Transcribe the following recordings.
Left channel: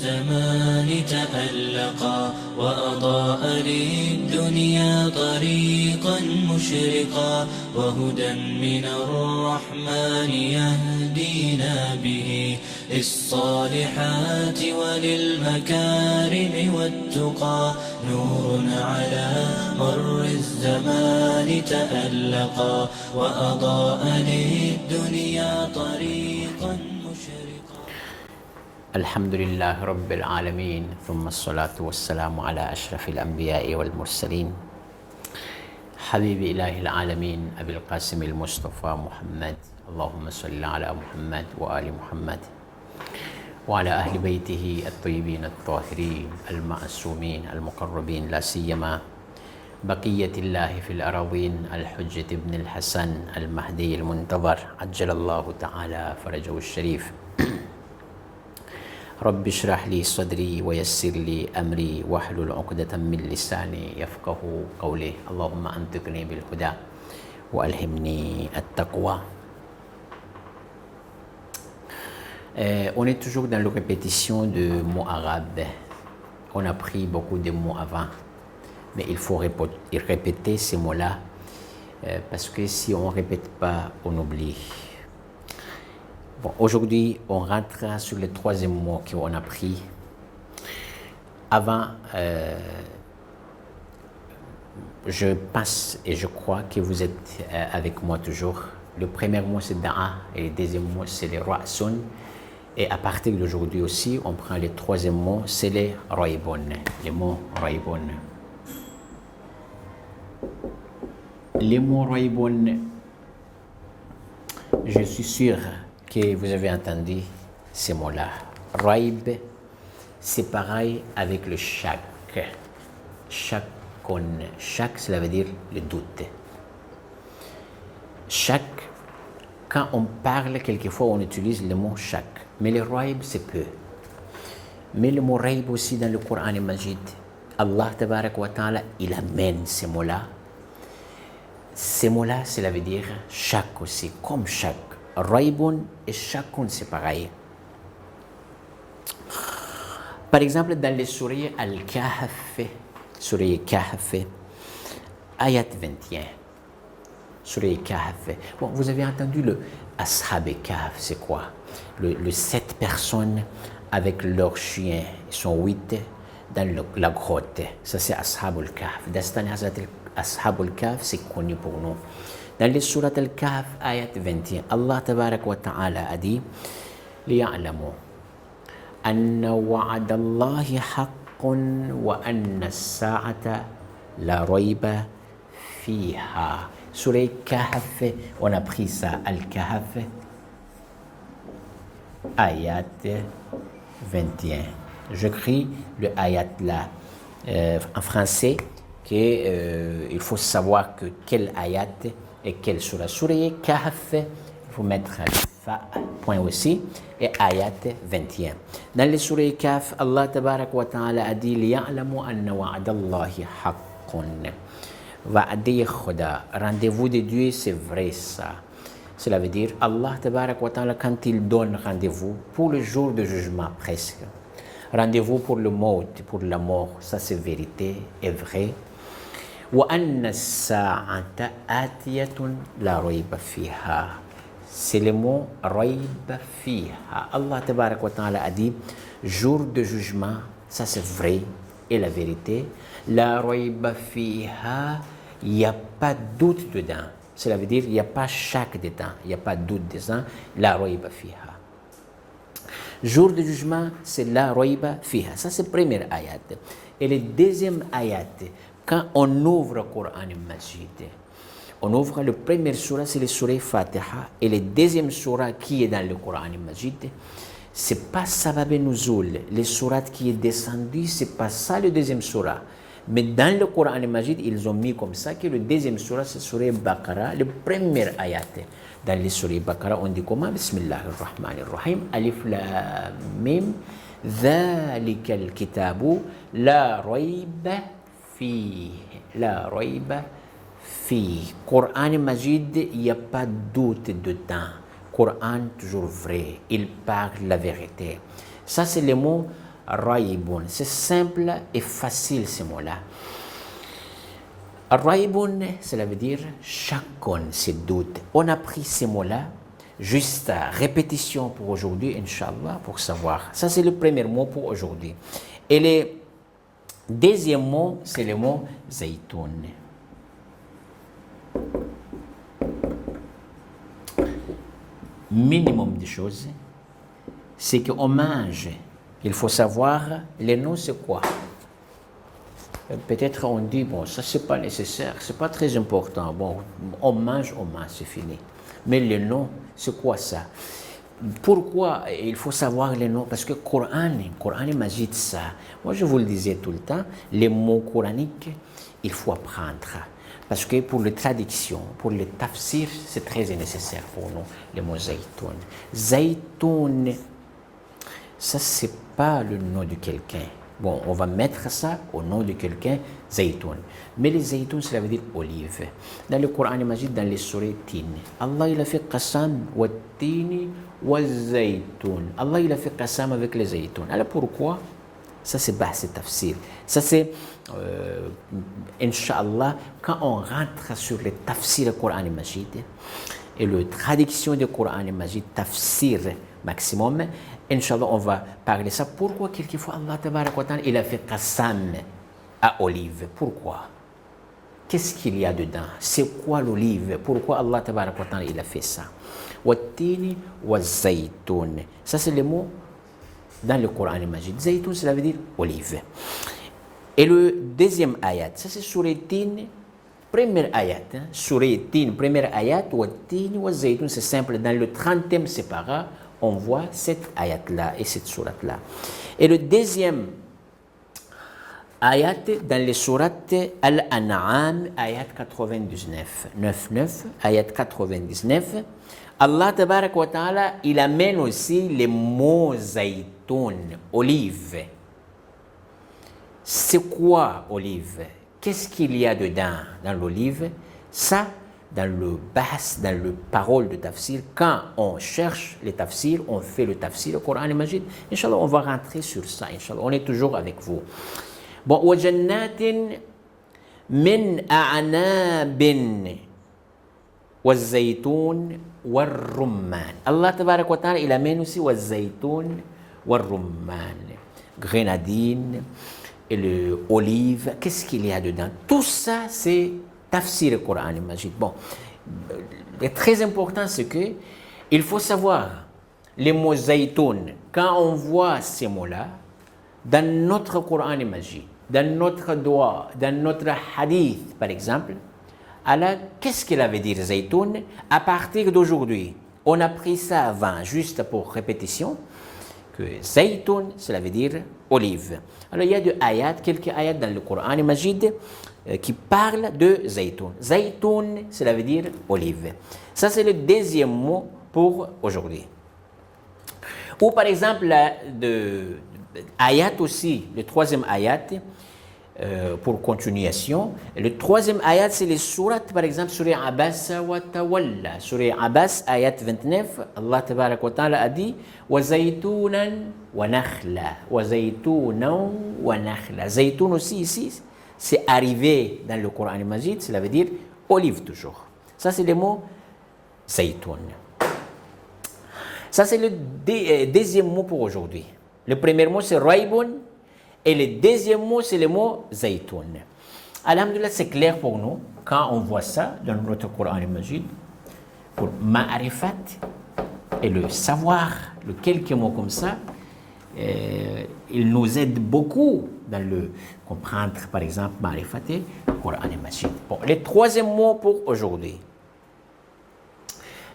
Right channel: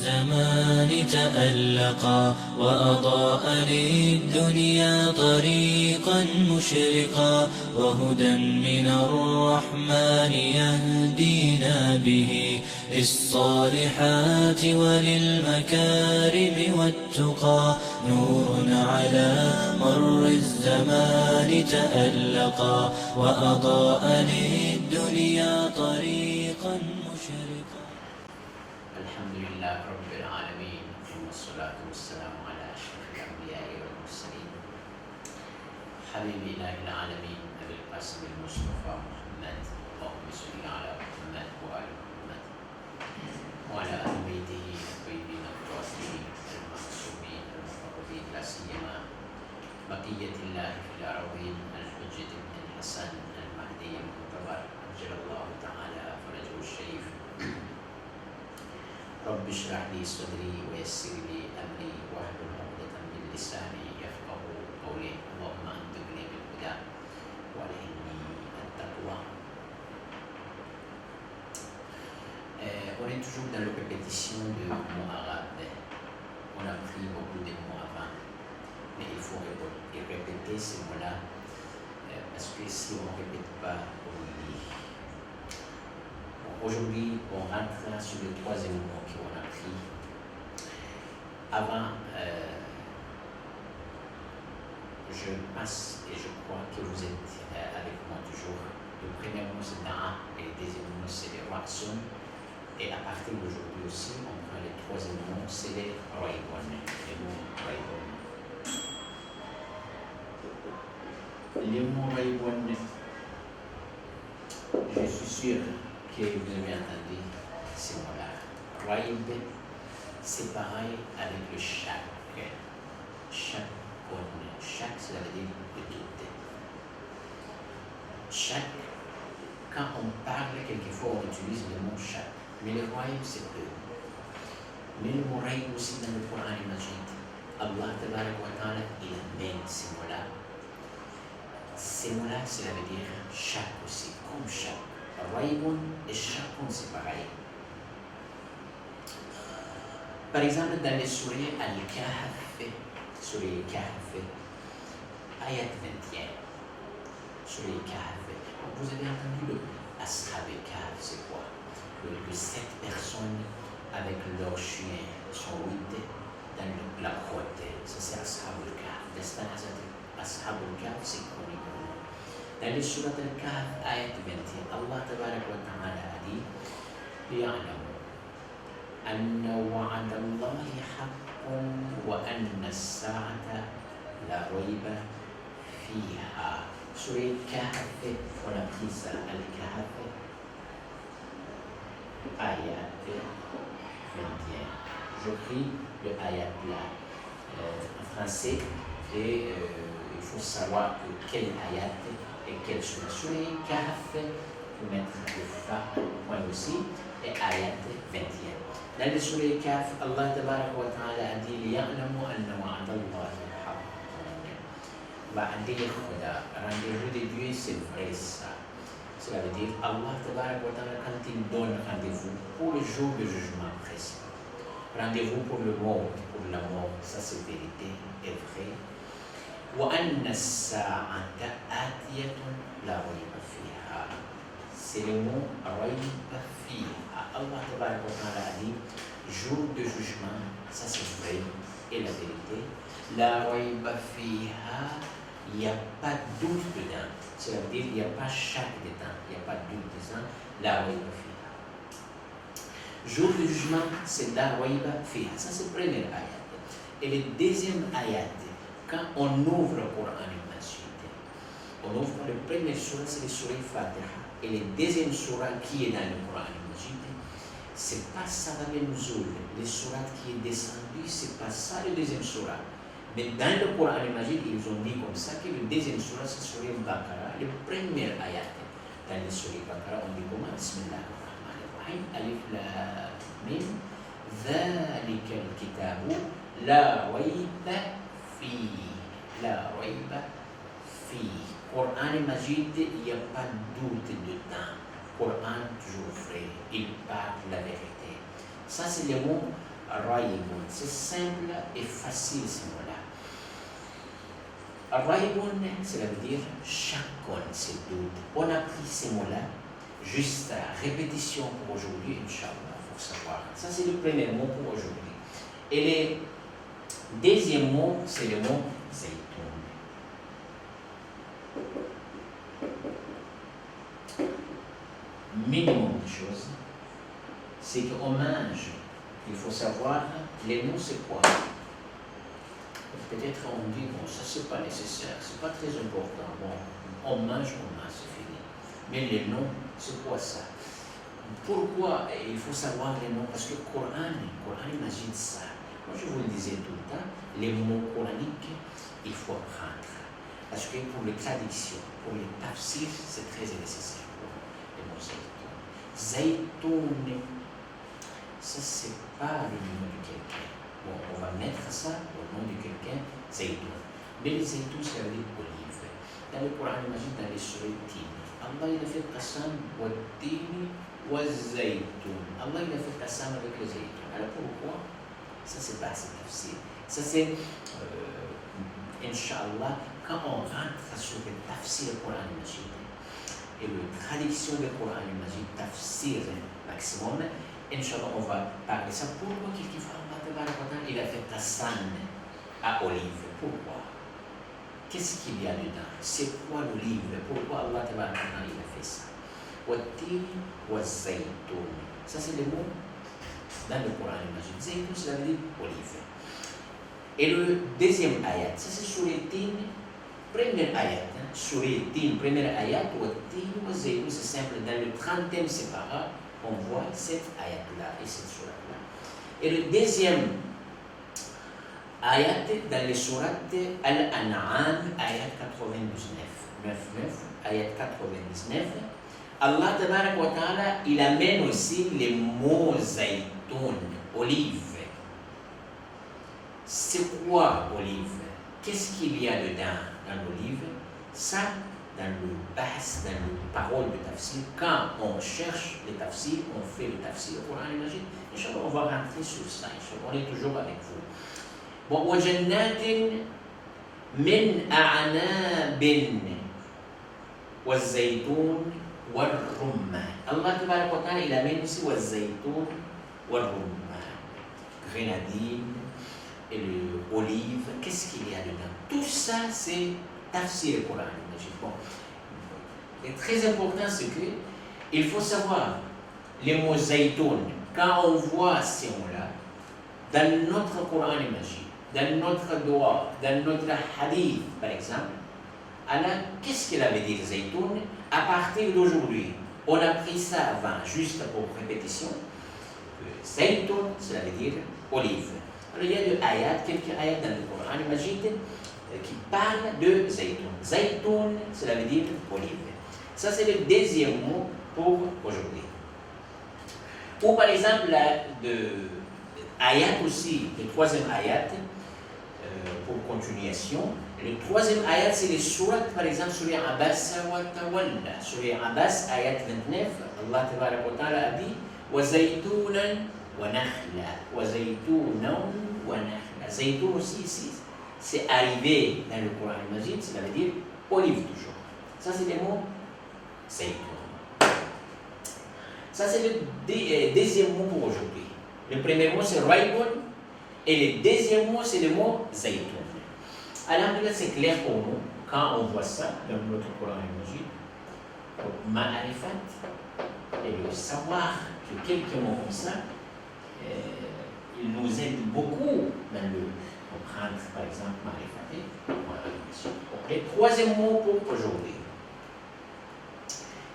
الزمان تألقا وأضاء للدنيا طريقا مشرقا وهدى من الرحمن يهدينا به للصالحات وللمكارم والتقى نور على مر الزمان تألقا وأضاء للدنيا طريقا مشرقا. الحمد لله رب العالمين، ثم الصلاة والسلام على أشرف الأنبياء والمرسلين حبيب إله العالمين أبي القاسم المصطفى محمد. اللهم صل على محمد وآل محمد وعلى أهل بيته الطيبين الطاهرين المعصومين المقربين، لا سيما بقية الله في الأراضين الحجة ابن الحسن المهدي المنتظر عجل الله تعالى فرجه الشريف. رب اشرح لي صدري ويسر لي أمري واحلل عقدة من لساني يفقه قولي. اللهم أنطقني بالهدى وألهمني التقوى. On est toujours dans la répétition de mots arabes. On a pris beaucoup de mots avant, mais il faut répéter ces mots-là parce que si on ne répète pas, on oublie. Bon, aujourd'hui, on rentre sur le troisième mot qu'on a pris. Avant, je pense et je crois que vous êtes avec moi toujours. Le premier mot, c'est da'a et le deuxième mot, c'est le ra'sun. Et à partir d'aujourd'hui aussi, on prend le troisième mot, c'est les raibon, les mots raibon. Les mots raibon, je suis sûr que vous avez entendu ces mots-là. Raib, c'est pareil avec le shak. Shakon. Shak, cela veut dire le doute. Shak, quand on parle, quelquefois on utilise le mot shak. Mais le raib, c'est peu. Mais le mot raib aussi dans le Coran al-Majid, Allah tabarak wa ta'ala, il amène ces mots-là. Ces mots-là, cela veut dire shak aussi, comme shak. Raibun et shakun, c'est pareil. Par exemple, dans les sourates Al-Kahf, Surah Kahf, ayat 21. Surah Kahf. Bon, vous avez entendu le Ashab Kahf, c'est quoi? Le 7 personnes avec leurs chiens, ils sont 8 dans la grotte. Ça, c'est Ashab al-Kahf. Dastan Ashab al-Kahf, c'est connu pour nous. Dans les surat al-Kahf, ayat 21, Allah tabarak wa ta'ala a dit لِيَعْلَمُوا أَنَّ وَعَدَ اللَّهِ حَقٌّ وَأَنَّ السَّاعَةَ لَا رَيْبَ فِيهَا. Surah Kahf, on a pris ça, al-Kahf, ayat 21. J'écris le ayat là en français, il faut savoir que quel ayat et quelle surah. Surah Kahf, il faut mettre point aussi, et ayat 21. Dans le surah Kahf, Allah tabarak wa ta'ala a dit لِيَعْلَمُ أَنَّ وَعْدَ اللَّهِ حَقٌّ. Wa'di Khuda, rendez-vous de Dieu, c'est vrai ça. Cela veut dire Allah tabarak wa ta'ala, quand il donne rendez-vous pour le jour de jugement presque, rendez-vous pour le mort, pour la mort, ça c'est vérité et vrai. وَأَنَّ السَّاعَةَ آتِيَةٌ لَا رَيْبَ فِيهَا. C'est le mot رَيْبَ فِيهَا. Allah tabarak wa ta'ala a dit jour de jugement, ça c'est vrai et la vérité. La رَيْبَ فِيهَا, il n'y a pas de doute dedans. Cela veut dire il n'y a pas chaque dedans, il n'y a pas de doute dedans. La رَيْبَ فِيهَا. Jour de jugement, c'est la رَيْبَ فِيهَا. Ça c'est le premier ayat. Et le deuxième ayat, quand on ouvre le Coran al-Majid, on ouvre le premier surah, c'est le surah Fatiha, et le deuxième surah qui est dans le Coran al-Majid, c'est pas Sabab Nuzul, le surah qui est descendu, c'est pas ça le deuxième surah. Mais dans le Coran al-Majid, ils ont mis comme ça que le deuxième surah, c'est surah Baqarah, le premier ayat. Dans le surah Baqarah, on dit comment? Bismillahirrahmanirrahim, Alif Lam Mim, ذلك الكتاب لا ريب فيه. La ريب فيه. Coran Majid, il n'y a pas de doute dedans. Coran toujours vrai, il parle la vérité. Ça c'est le mot Raïboun. C'est simple et facile ces mots-là. Raïboun, cela veut dire chacun ses doutes. On a pris ces mots-là, juste à répétition pour aujourd'hui, Inch'Allah, pour savoir. Ça, c'est le premier mot pour aujourd'hui. Et le deuxième mot, c'est le mot Zaytoun. Minimum de choses, c'est qu'on mange. Il faut savoir, les noms, c'est quoi? Peut-être on dit, bon, ça, c'est pas nécessaire, c'est pas très important. Bon, on mange, c'est fini. Mais les noms, c'est quoi ça? Pourquoi il faut savoir les noms? Parce que Coran Majid, ça. Moi, je vous le disais tout le temps, les mots coraniques, il faut apprendre. Parce que pour les traductions, pour le tafsir, c'est très nécessaire pour nous, les mots Zaytoun. Zaytoun, ça, c'est pas le nom de quelqu'un. Bon, on va mettre ça au nom de quelqu'un, Zaytoun. Mais les Zaytoun, cela veut dire olive. Dans le Coran Majid, dans les sourates Tin, Allah, il a fait qasam wa tini wa Zaytoun. Allah, il a fait qasam avec les Zaytoun. Alors pourquoi? Ça, c'est tafsir. Ça, c'est, Inch'Allah, quand on rentre sur le tafsir du Coran Majid et la traduction du Coran Majid, tafsir maximum, Inch'Allah, on va parler de ça. Pourquoi quelquefois Allah Tabarak wa Ta'ala, il a fait qasam à olive? Pourquoi? Qu'est-ce qu'il y a dedans? C'est quoi l'olive? Pourquoi Allah Tabarak wa Ta'ala, il a fait ça? Wattini wa zaytoun. Ça, c'est le mot dans le Coran Majid. Zaytoun, cela veut dire olive. Et le deuxième ayat, ça c'est Surat Tin, première ayat. Surat Tin, première ayat, Wattini wa zaytoun, c'est simple. Dans le 30e séparat, on voit cette ayat-là et cette sourate-là. Et le deuxième ayat dans les sourates Al-An'am, ayat 99, 9, ayat 99, Allah Tabarak wa Ta'ala, il amène aussi les mots zaytoun, olive. C'est quoi olive? Qu'est-ce qu'il y a dedans dans l'olive? Ça, dans le bahs, dans le parole de tafsir, quand on cherche le tafsir, on fait le tafsir, le Coran Majid, Inch'Allah, on va rentrer sur ça, Inch'Allah, on est toujours avec vous. Bon, wa jannatin min a'nabin wa zaytoun wa rumman. Allah Tabarak wa Ta'ala, il amène aussi wa zaytoun wa rumman. Grenadine et l'olive, qu'est-ce qu'il y a dedans? Tout ça, c'est tafsir le Coran Majid. Bon, très important, c'est que il faut savoir les mots zaytoun. Quand on voit ces mots-là, dans notre Coran Majid, dans notre doigt, dans notre hadith, par exemple, alors, qu'est-ce qu'il avait dit zaytoun? À partir d'aujourd'hui, on a pris ça avant, juste pour répétition, que zaytoun, cela veut dire olive. Alors, il y a quelques ayats dans le Coran Majid qui parlent de zaytoun. Zaytoun, cela veut dire olive. Ça, c'est le deuxième mot pour aujourd'hui. Ou par exemple, de ayat aussi, le troisième ayat, pour continuation. Le troisième ayat, c'est les sourates, par exemple, Surah Abbas wa Tawalla. Surah Abbas, ayat 29, Allah Tabarak wa Ta'ala a dit wa zaytounan wa nakhla. Wa zaytounan wa nakhla. Zaytoun aussi ici, c'est arrivé dans le Coran Majid, cela veut dire olive toujours. Ça, c'est le mot zaytoun. Ça, c'est le deuxième mot pour aujourd'hui. Le premier mot, c'est raïboun. Et le deuxième mot, c'est le mot zaytoun. Alhamdulillah, c'est clair pour nous quand on voit ça dans notre Coran Majid. Pour ma'arifat et le savoir, les quelques mots comme ça, il nous aide beaucoup dans le comprendre, par exemple, ma'arifat et Coran Majid. Bon, le troisième mot pour aujourd'hui.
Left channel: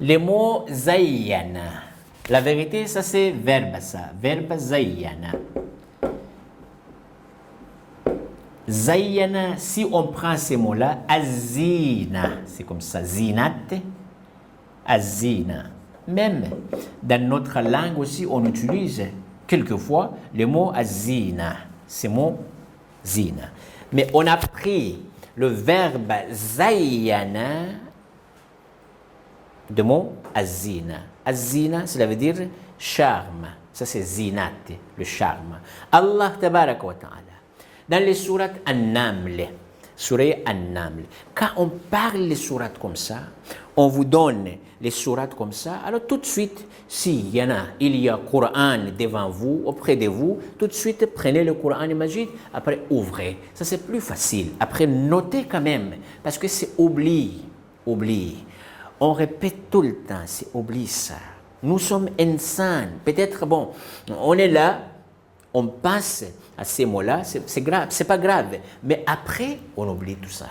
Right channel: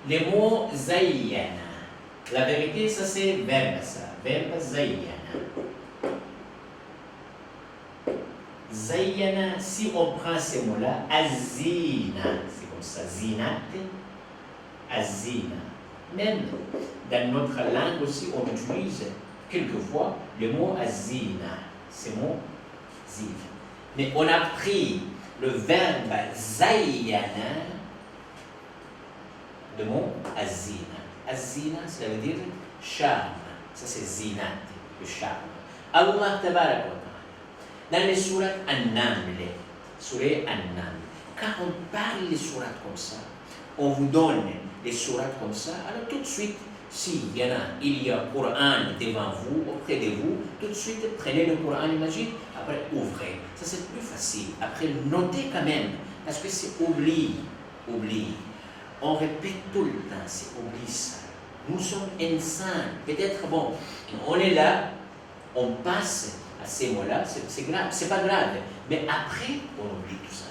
Le mot zayyana. La vérité, ça c'est verbe, ça. Verbe zayyana. Zayyana, si on prend ces mots-là, azina, c'est comme ça, zinat, azina. Même dans notre langue aussi, on utilise quelquefois le mot azina, ce mot zina. Mais on a pris le verbe zayyana de mot azina. Azina, cela veut dire charme, Ça c'est zinat, le charme. Allah tabaraka wa ta'ala, dans les sourates An-Naml, surah An-Naml, quand on parle les sourates comme ça, on vous donne les sourates comme ça, alors tout de suite, s'il y en a, il y a Coran devant vous, auprès de vous, tout de suite prenez le Coran Majid, après ouvrez. Ça c'est plus facile. Après notez quand même, parce que c'est oubli. On répète tout le temps, c'est oubli ça. Nous sommes insan. Peut-être, bon, on est là, on passe à ces mots-là, c'est grave, c'est pas grave. Mais après, on oublie tout ça.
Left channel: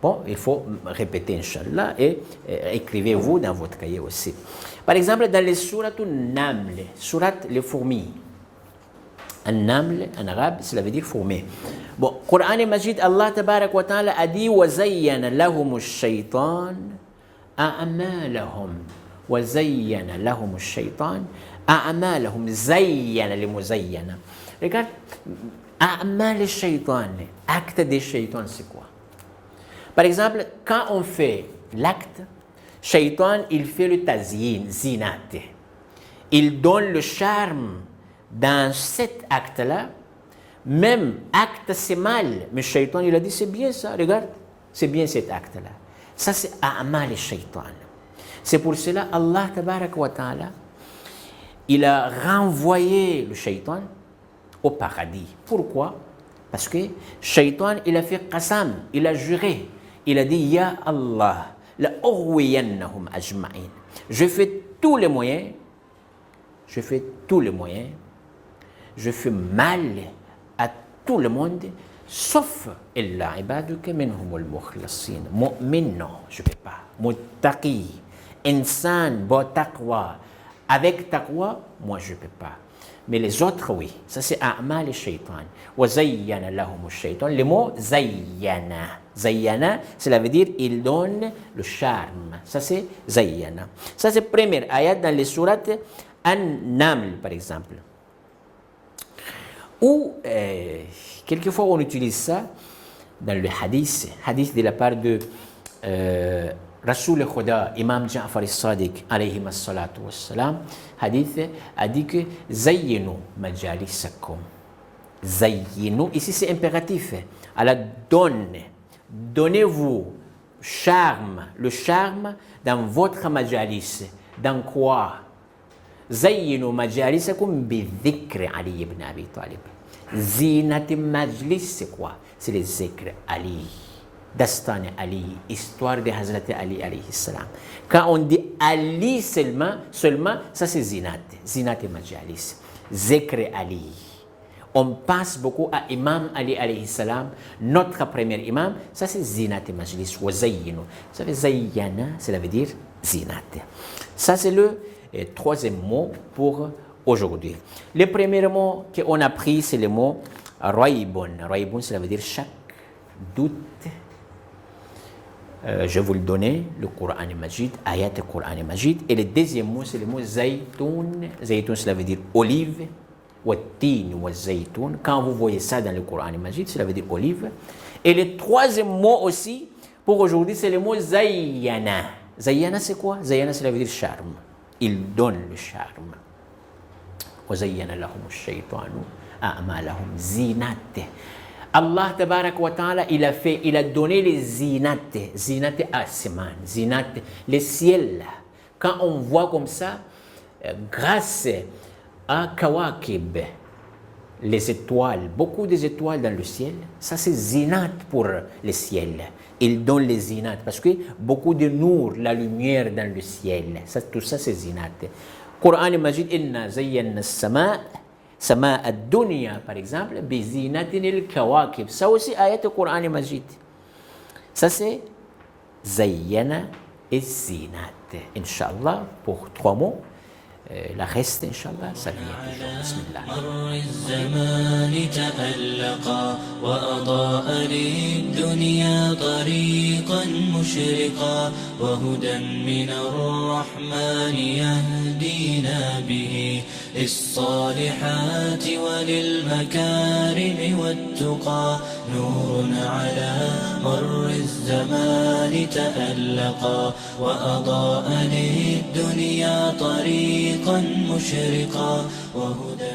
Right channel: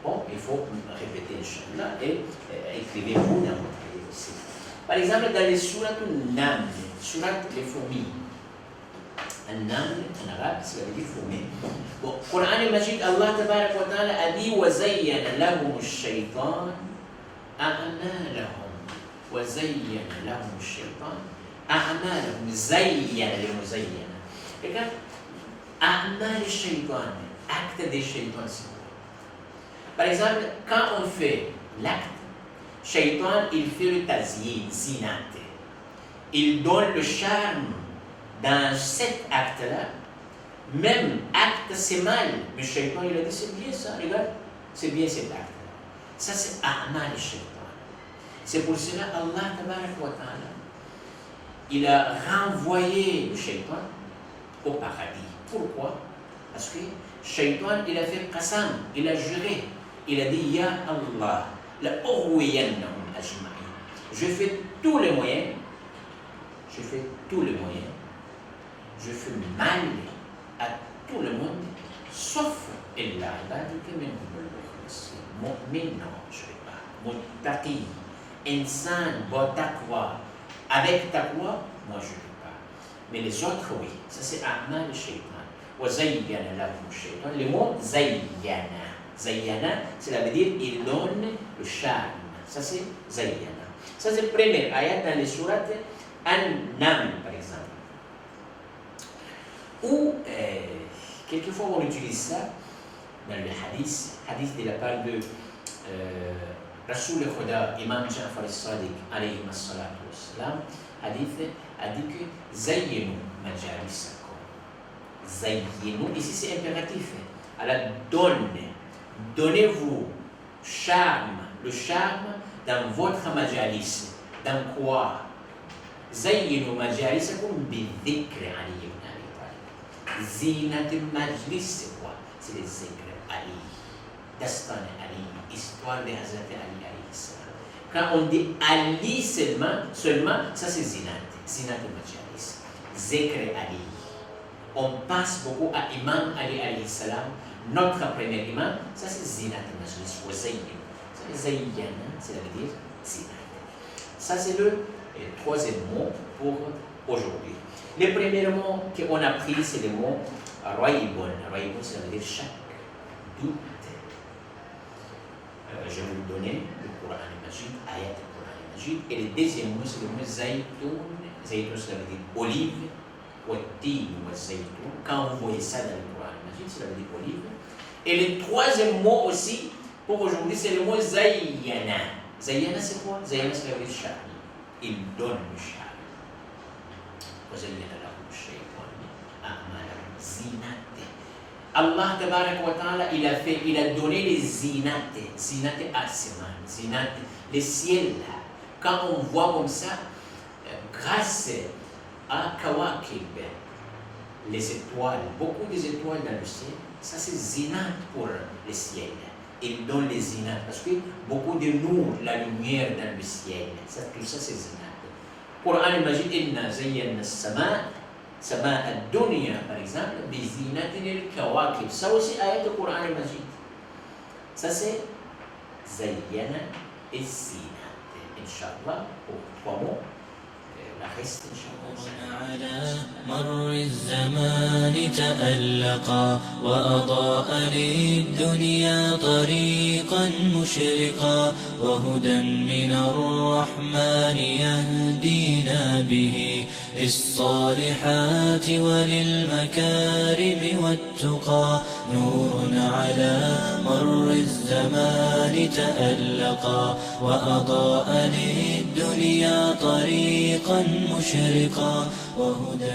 Bon, il faut répéter, Inch'Allah, et écrivez-vous dans votre cahier aussi. Par exemple, dans les sourates Naml, sourates les fourmis. An-Naml, en arabe, cela veut dire fourmi. Bon, Coran Majid, Allah tabarak wa ta'ala a dit وَزَيَّنَ لَهُمُ الشَّيْطَانِ أَعْمَالَهُمْ وَزَيَّنَ لَهُمُ الشَّيْطَانِ أَعْمَالَهُمْ زَيَّنَ لِمُزَيَّنَ. Regarde, أعمال الشيطان, acte des shaytans, c'est quoi? Par exemple, quand on fait l'acte, Shaitan, il fait le tazyin, zinat. Il donne le charme dans cet acte-là. Même acte, c'est mal. Mais Shaitan, il a dit, c'est bien ça, regarde. C'est bien cet acte-là. Ça, c'est a'mal Shaitan. C'est pour cela, Allah, tabarak wa ta'ala, il a renvoyé le Shaitan au paradis. Pourquoi? Parce que Shaitan, il a fait qasam, il a juré. Il a dit, Ya Allah, je fais tous les moyens, je fais mal à tout le monde, sauf illa ibaduka minhum al-mukhlasin. Mu'min, non, je ne fais pas. Muttaqi, insan, bon taqwa. Avec taqwa, moi je ne peux pas. Mais les autres, oui. Ça c'est a'mal shaitan. Wa zayyana lahum shaitan. Le mot zayyana. Zayyana, cela veut dire il donne le charme. Ça c'est Zayyana. Ça c'est première ayat dans les sourates An-Naml par exemple. Ou quelquefois on utilise ça dans le hadith de la part de Rasoul Khuda, Imam Ja'far al-Sadiq alayhi as-salatu was-salam. Hadith a dit que Zayyinu majalisakum. Zayyinu, ici c'est impératif. Allah donne. Donnez-vous le charme dans votre majalis. Dans quoi? Zayyinu majalisakum bi-dhikr Ali ibn Abi Talib. Zinat majlis, c'est quoi? C'est les zikr Ali. Dastan Ali, histoire de Hazrat Ali alayhi salam. Quand on dit Ali seulement ça c'est zinat. Zinat majalis. Zikr Ali. On passe beaucoup à Imam Ali alayhi salam, notre premier imam, ça c'est zinat majlis, wa zayyinu. Ça veut zayyana, cela veut dire zinat. Ça c'est le troisième mot pour aujourd'hui. Le premier mot qu'on a pris, c'est le mot raibun. Raibun, cela veut dire chaque doute. Je vais vous le donner, le Coran Majid, ayat du Coran Majid. Et le deuxième mot, c'est le mot zaytoun. Zaytoun, cela veut dire olive. Quand vous voyez ça dans le Coran Majid, cela veut dire olive. Et le troisième mot aussi, pour aujourd'hui, c'est le mot zayyana. Zayyana, c'est quoi? Zayyana, cela veut dire charme. Il donne le charme. وَزَيَّنَ لَهُمُ الشَّيْطَانُ أَعْمَالَهُمْ زِينَةً. Allah tabarak wa ta'ala, il a donné les zinat asman, zinat, les ciels. Quand on voit comme ça, grâce à Kawakib, les étoiles, beaucoup des étoiles dans le ciel, ça c'est zinat pour le ciel. Il donne les zinat parce que beaucoup de nour, la lumière dans le ciel, ça, tout ça c'est zinat. Coran Majid, inna zayyana as-sama' sama ad-dunya par exemple, bi zinatin al-kawakib. Ça aussi ayat du Coran Majid. Ça c'est zayyana et zinat. Inch'Allah pour 3 mots. La reste إن شاء الله مر الزمان تألقا وأضاء للدنيا طريقا مشرقا وهدى من الرحمن يهدينا به للصالحات وللمكارم والتقى نور على مر الزمان تألقا وأضاء للدنيا طريقا مشرقا وهدى